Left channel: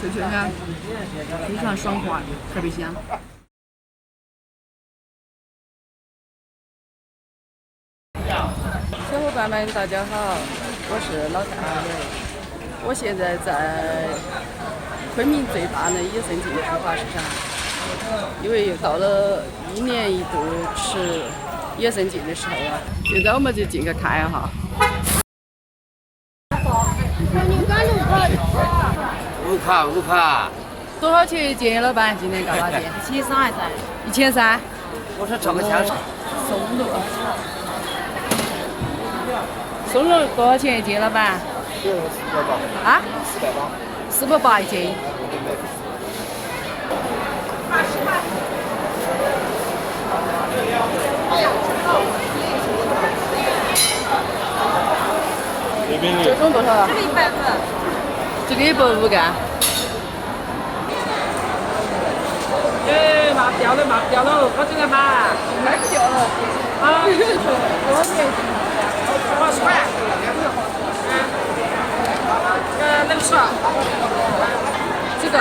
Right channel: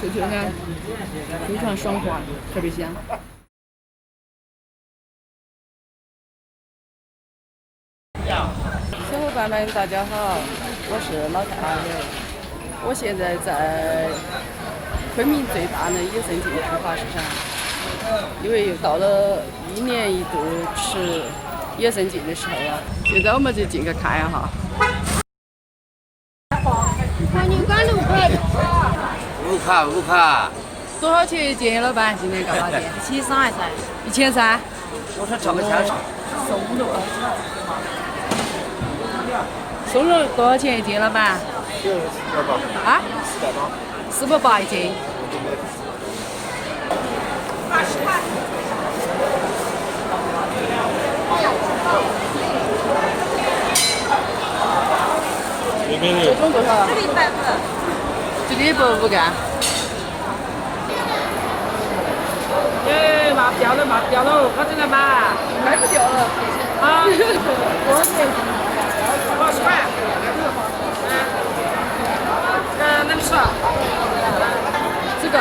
脆脆的，非常爽滑，特别香。小伙伴们，大家好，我是老太阿伟，我现在在昆明最大的野生竞批发市场，因为又到了1年1度吃野生竞的时候了。现在我们就进去看一下。5卡。多少钱一斤，老板？今天干嘛的1300还是？1300。我说这么香。松露。松露多少钱一斤，老板480。啊480。 480一斤。这种多少啊？这个150。这个150干。麻不掉了，麻不掉了，好久才买。该不掉了。多少钱？ 20块。能吃。这个，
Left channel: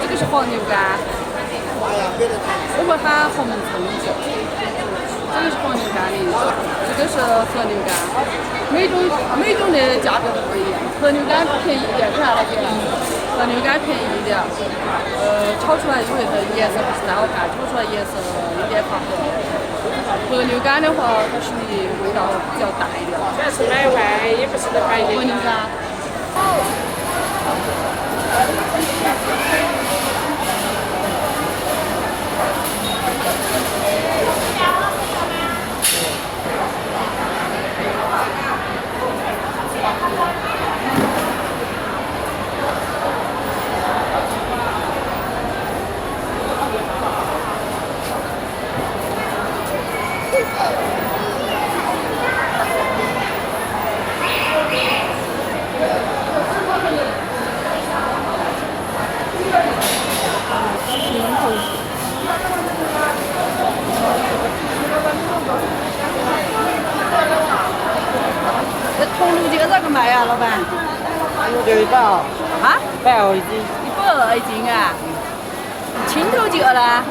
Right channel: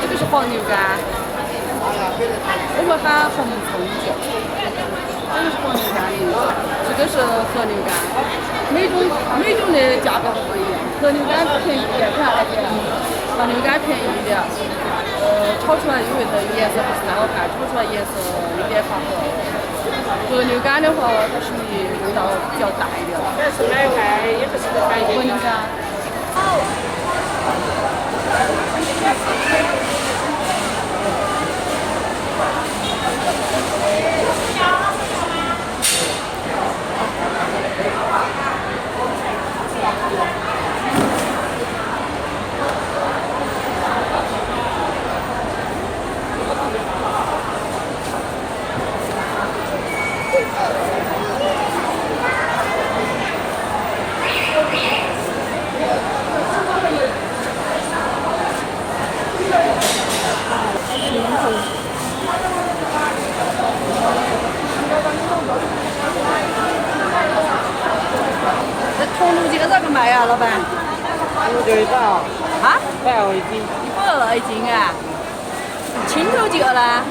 这个是黄牛肝，我们喊红葱酒。这个是黄牛肝的一种，这个是和牛肝。每种的价格都不一样，和牛肝便宜一点，看老姐，和牛肝便宜一点。炒出来因为它颜色不是太好看，炒出来颜色有点发黑。和牛肝的话，它属于味道比较淡一点了。这是买外，也不是得买和牛肝。这桐炉鸡咋个卖呀，老板？这个啊120一斤。 120一斤啊？青头鸡呢？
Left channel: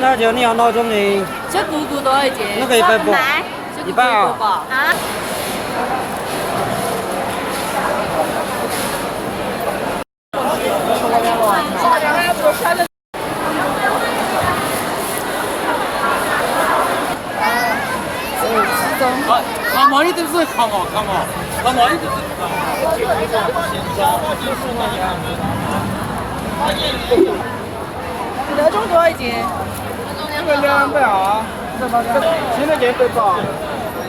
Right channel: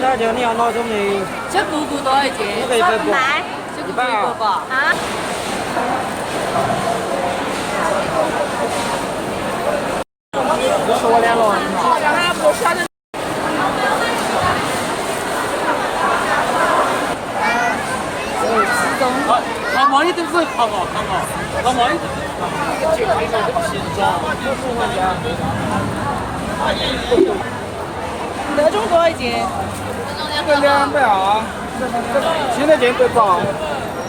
那就你要哪种的？小骨骨多少一斤？那个180。小骨骨180吧？啊。说两了。好像俺不选的。那毛一都是好好看嘛，那毛一都是。那种多少一斤这个220，新的这个180。？180。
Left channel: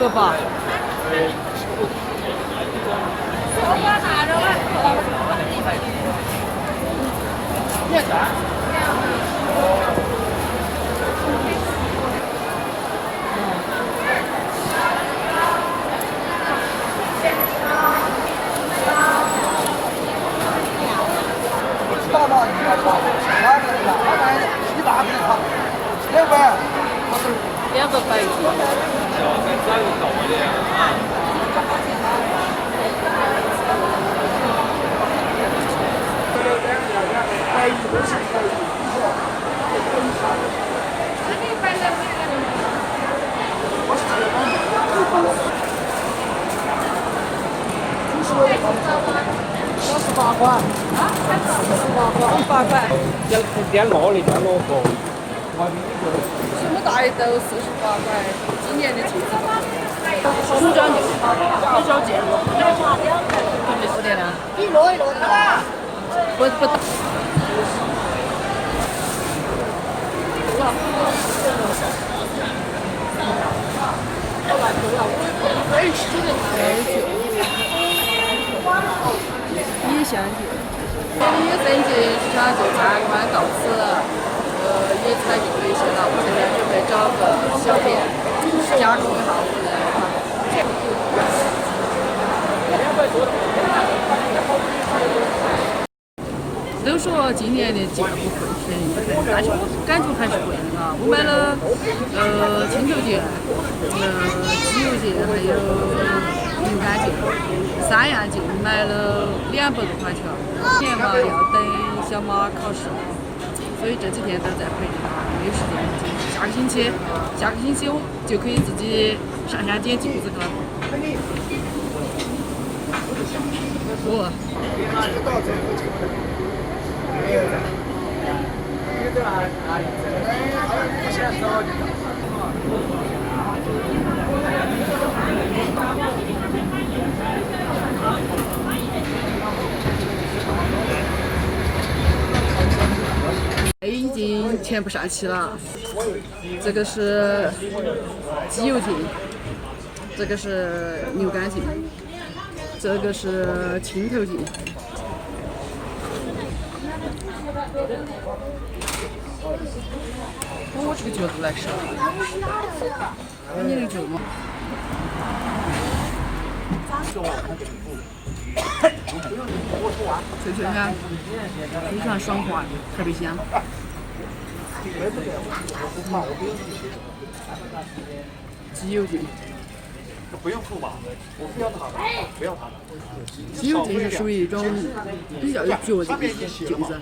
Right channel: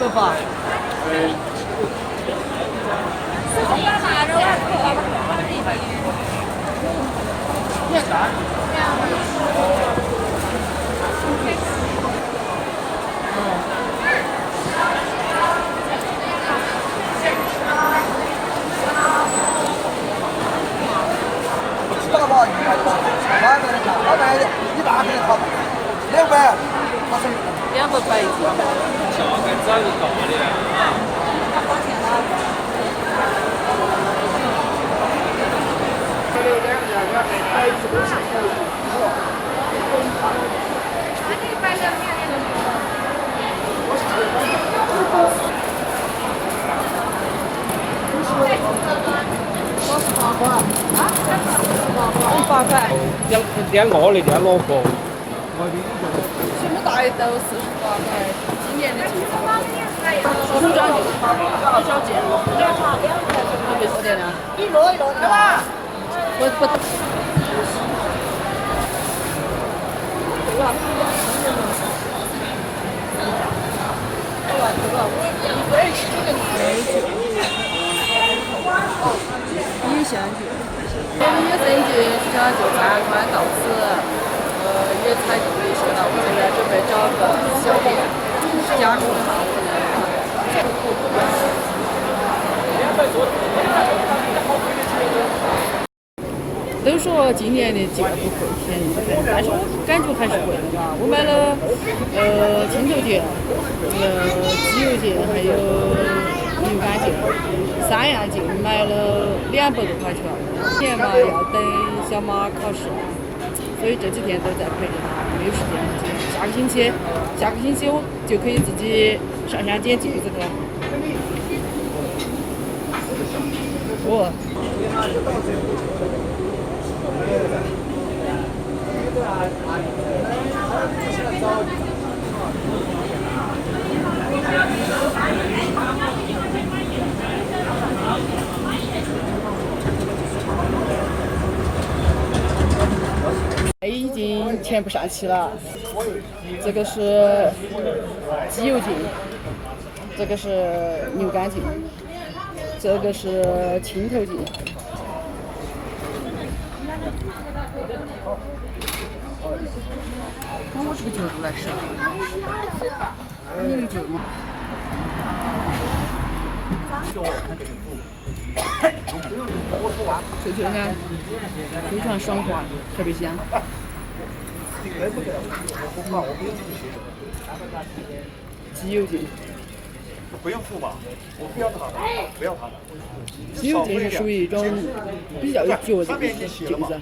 你看。280一斤。48块。点老的，点老货。什么大鱼都48块，今年的进口。红烧牛，红烧芥末，没说的呢。一摞的吧？不。野香酒，野生节市场就参观到此，也采购了一些了。我这边准备找个小店加工一下我的。都说今年的价不会便宜，但是我感觉还是贵的吧。我买了青头腱、鸡油腱还有牛肝腱，3样腱买了200多块钱。今年嘛要等小马考试，所以这几天都在陪着他，没有时间剪。下个星期我就可以自己上山剪镜子去了。哦。已经全部上齐了，这个是鸡油腱，这个是牛肝腱，这个是青头腱。我这个角度来吃，你那个角吗？脆脆的，非常爽滑，特别香。鸡油腱，不用付吧？我不要它的，不要它的。鸡油腱是属于一种比较有嚼劲的腱子。